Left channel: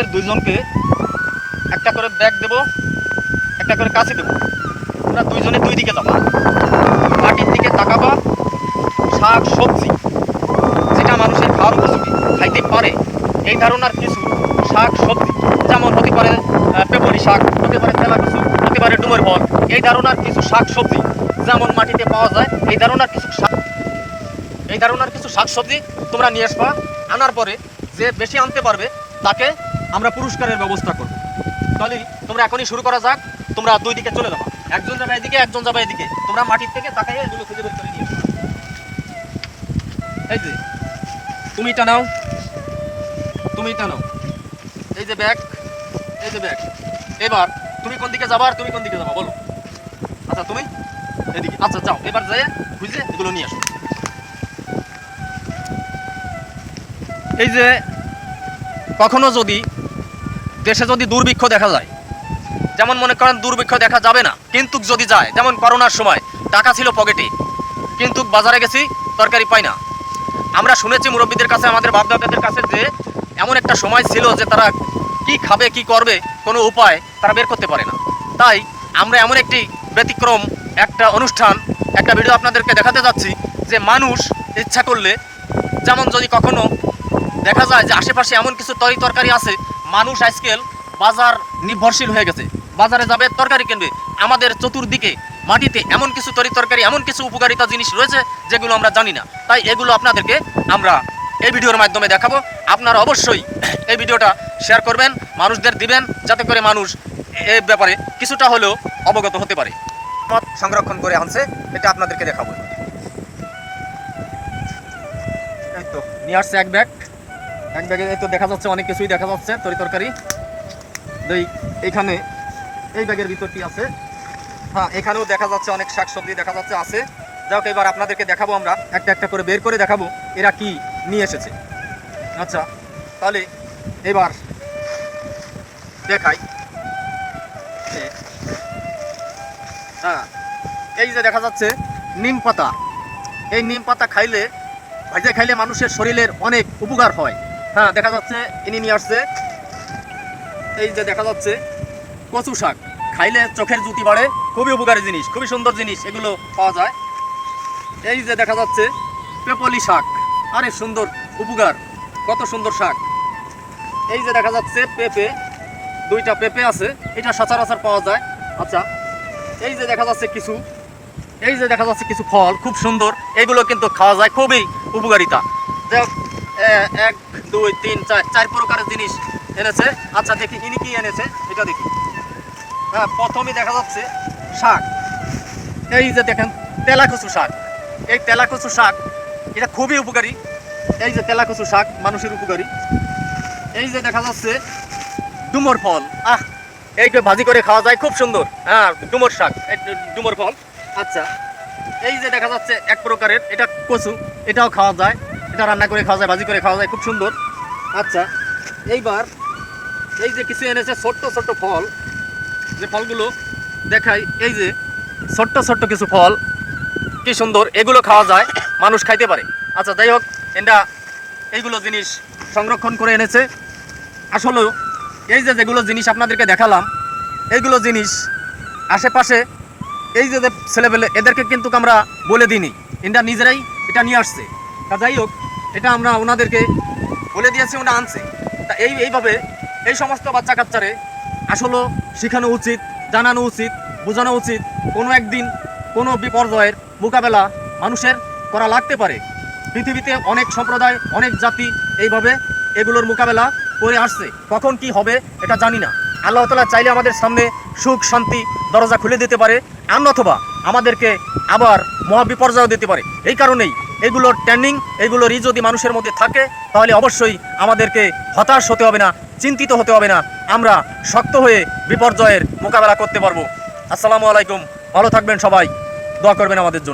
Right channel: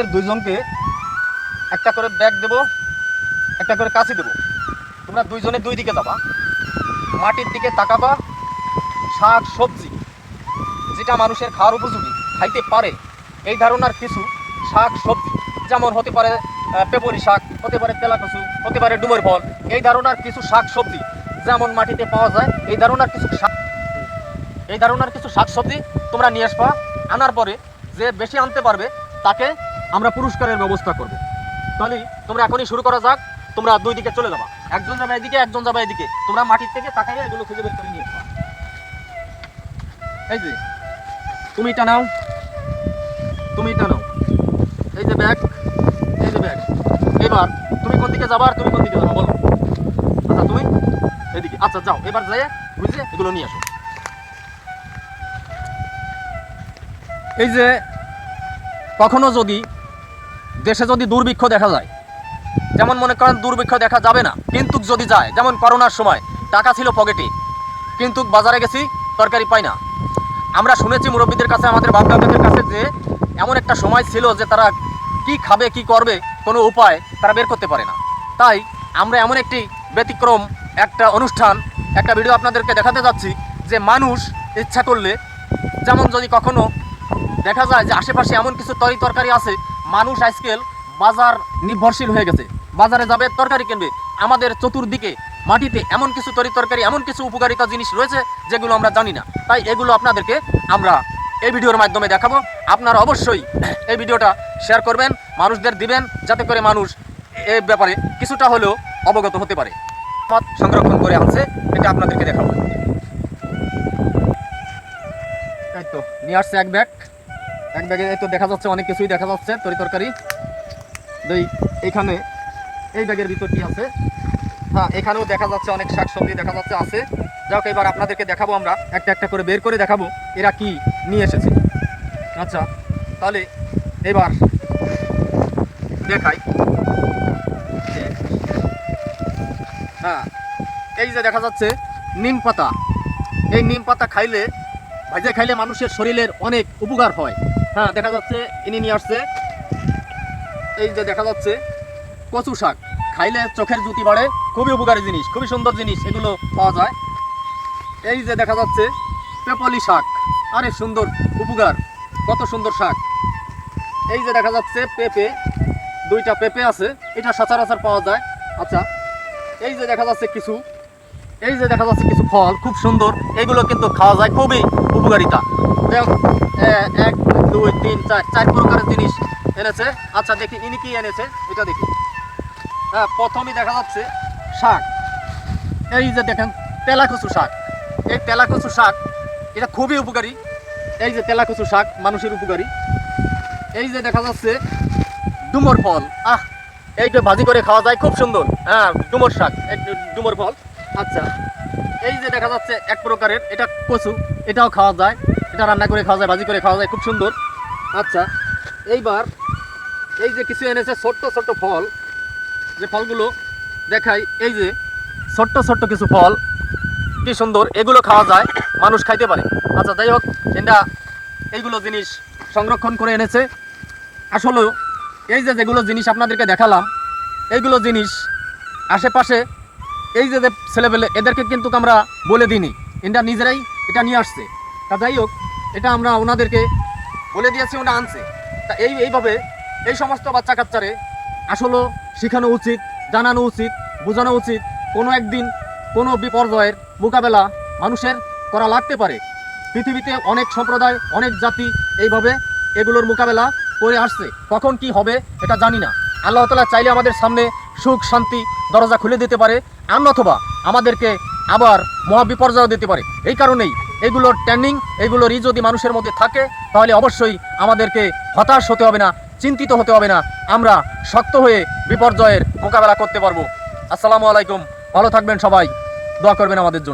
তোমাদের দুজনকে একটা করে ব্যাগ দেবো, একটা করে কাঁচি দেবো। তোমরা দুইজনে দুই দিকে যাবা, মাটির দিকে তাকাবা। শাক সবজি যেটা মানুষের খাওয়ার উপযোগী, খাইতে পারে এই ধারণার কিছু শাক সবজি, যেমন হতে পারে পেপরি শাক, হতে পারে তেলা কচু, হতে পারে ডুমুর বল, এই ধারণার কিছু শাক সবজি যেমন মাটিতে পাওয়া যায়, এই ধারণার কিছু শাক সবজি তোমরা নিয়ে আসবা। আনার পরে যে বেশি আনতে পারবে তাকে আমরা পুরস্কারের ব্যবস্থা করব। তাহলে তোমরা এখনই শুরু করা যাক। তোমরা দুই দিকে চলে যাবা, একজন যাবে এদিকে, একজন যাবে এদিকে। তোমরা মাটির থেকে তাকাইয়া এগুলো খুঁজে বের করে নিয়ে আসবা। এই যে তুমি টানাও, তুমি টানাও, এই যে ব্যাগ, এই যে ব্যাগ। এবার তুমি কোন দিকে যাবা আর তুমি কোন দিকে যাবা বলো। আচ্ছা তুমি এদিকে, আচ্ছা যাও। এবার যেয়ে বুঝলে এগুলো নিয়ে আসো। এই যে কখনো যদি দেশে যদি দুর্ভিক্ষ দেখা যায়, যেমন মনে করেন দুর্ভিক্ষ দেখা যাবে না, কিন্তু যদি যায়, যেমন করোনার সময় টাকা ছিল পকেটে কিন্তু বাজারে গেছি তরকারি পাই না। আমরা শুনেছি মুরব্বীদের কাছে, আমাদের বাপ-দাদাদের কাছে যে এমন একটা সময় ছিল যে তারা কি খাবে কি করবে কোনো উপায় তারা বের করতে পারে না। তাই আমরা এমন একটি ব্যতিক্রম একটা অনুষ্ঠান, একটা ভিডিও আপনাদেরকে দেখাতে যাচ্ছি যে মানুষ ইচ্ছা করলে, যেমন যদি কখনো দেখা যায় যে আশেপাশে এমন কিছু তরকারি আছে, মানুষ আজকাল বাজার নির্ভরশীল হয়ে গেছে, বাজারে যাবে তরকারি কিনবে। আমাদের চতুর্দিকে মাটিতে এমন কিছু তরকারি, এমন কিছু উপকারিতা জিনিস রয়েছে যেগুলো আমরা জানি না। তাই এগুলো আপনাদেরকে আমরা এই ভিডিওর মাধ্যমে দেখাবো। আপনারা অবশ্যই এই ভিডিওটা শেয়ার করবেন, মানুষদের দিবেন, যাতে করে মানুষ এই ব্যাপারে কিছুটা হলেও অবগত হতে পারে। সংরক্ষণ করে আছে, এটা আপনাদেরকে দেখাবো। নিয়ে আসছে এক ব্যাগে তো দেখা যাচ্ছে অনেক কিছুই দেখা যাচ্ছে তরকারি। এখানে এই ব্যাগের ভিতর কি আছে, হ্যাঁ এখানেও দেখা যাচ্ছে অনেক শাকসবজি দেখা যাচ্ছে আছে। যাক, এবার আপনাদেরকে দেখাবো, আমরা একটা একটা করে বের করে দেখাবো এরা কি নিয়ে এসেছে। আচ্ছা তাহলে এবার দেখাই। হ্যাঁ এই যে দেখা যাচ্ছে নিম পাতা, এই নিম পাতা খাইলে, ভাজা খাইলে মানুষের শরীরের অনেক উপকার হয়। হ্যাঁ দেখা যাচ্ছে ইনি নিয়ে আসছে। এই যে দেখা যাচ্ছে কচু শাক, খাইলে চোখের জ্যোতি বাড়ে, খুবই উপকারী জিনিস, খুবই সুন্দর জিনিস, এগুলো পাওয়া যায়। এই যে দেখা যাচ্ছে পেপলি শাক, আরে সুন্দর উপকার, কত সুন্দর শাক। এই যে দেখা যাচ্ছে পেঁপে, দুইটা পেঁপে আছে, এটা সচরাচর পাওয়া যায়। আচ্ছা এই যে দেখা যাচ্ছে কিছু, এই যে দেখা যাচ্ছে কিছু ফল, খুব সুন্দর, এগুলো কিন্তু খাওয়া যায়, খুবই উপকারিতা। 1 2 3 4 4 প্রকারের জিনিস এনেছে। আচ্ছা দেখি ইনি কি এনেছে এটা দেখি। হ্যাঁ প্রথমে দেখা যাচ্ছে শাক, এই যে দেখেন তেলাকচু শাক। এই তেলাকচু শাক এটা খুবই উপকারী। এই যে তেলাকচু শাক মানুষের উপকারী। এই যে দেখা যাচ্ছে ডুমুর ফল, এইটা ভাজি করে খাওয়া যায়, খুব সুন্দর। হ্যাঁ ডুমুর শাক, ডুমুর ফল। আচ্ছা এই যে দেখা যাচ্ছে এক প্রকারের, এটা কচু, এটাও খাওয়া যায়, এটা রান্না করে খাওয়া যায়, ভাজি করে খাওয়া যায়, খুব সুন্দর। আচ্ছা এইবার এই যে কিছু এনেছে ছোট্ট ছোট্ট ফল, যে ফলগুলো দেখাই, এই যে ছোট্ট ছোট্ট কিছু ফল, কি সুন্দর, এগুলো খাওয়া যায়, মানুষ খাইতে পারে। আচ্ছা যাই হোক, এটা এইগুলো জিনিস সংরক্ষণ করে এনেছে। আসলে এই যে যেগুলো জিনিস আপনাদেরকে দেখালাম, এইগুলো জিনিস আশেপাশে এই যে ছেলেপেলে এদেরকে কিন্তু আমরা বলে দিইনি, এটা নিজেরাই এটা নিয়ে আসছে। যাই হোক, এটা আমরা ওনাদেরকে বলে দিয়েছি, ওনা আনছে। তা এইভাবে এই সমস্ত বাচ্চা কাচ্চারে আসলে শেখানো উচিত, জানানো উচিত, বোঝানো উচিত। কোনো একদিন কোনো বিপর্যয়ের মোকাবেলা মানুষের করা লাগতে পারে। পৃথিবীতে অনেক সম্প্রদায়, অনেক জাতি এইভাবে এগুলোর মোকাবেলা করে আসছে। কখন কি হবে এটা জানি না। আল্লাহ তাআলা চাইলে আমাদের সামনে সুখ শান্তি দরজা খুলে দিতে পারে, অথবা আমাদেরকে আবার মহা বিপর্যয় দিতে পারে। এই কারণেই এগুলোর ট্রেনিং, এগুলোরই যদি মানুষের মধ্যে থাকে, তাহলে অবশ্যই আমাদেরকে হতাশ হতে হবে না, চিন্তিত হতে হবে না, আমরা শক্ত হয়ে বিপর্যয়ের মোকাবেলা করতে পারবো। আসসালামু আলাইকুম, ভালো থাকবেন সবাই, দোয়া করবেন আমাদের জন্য।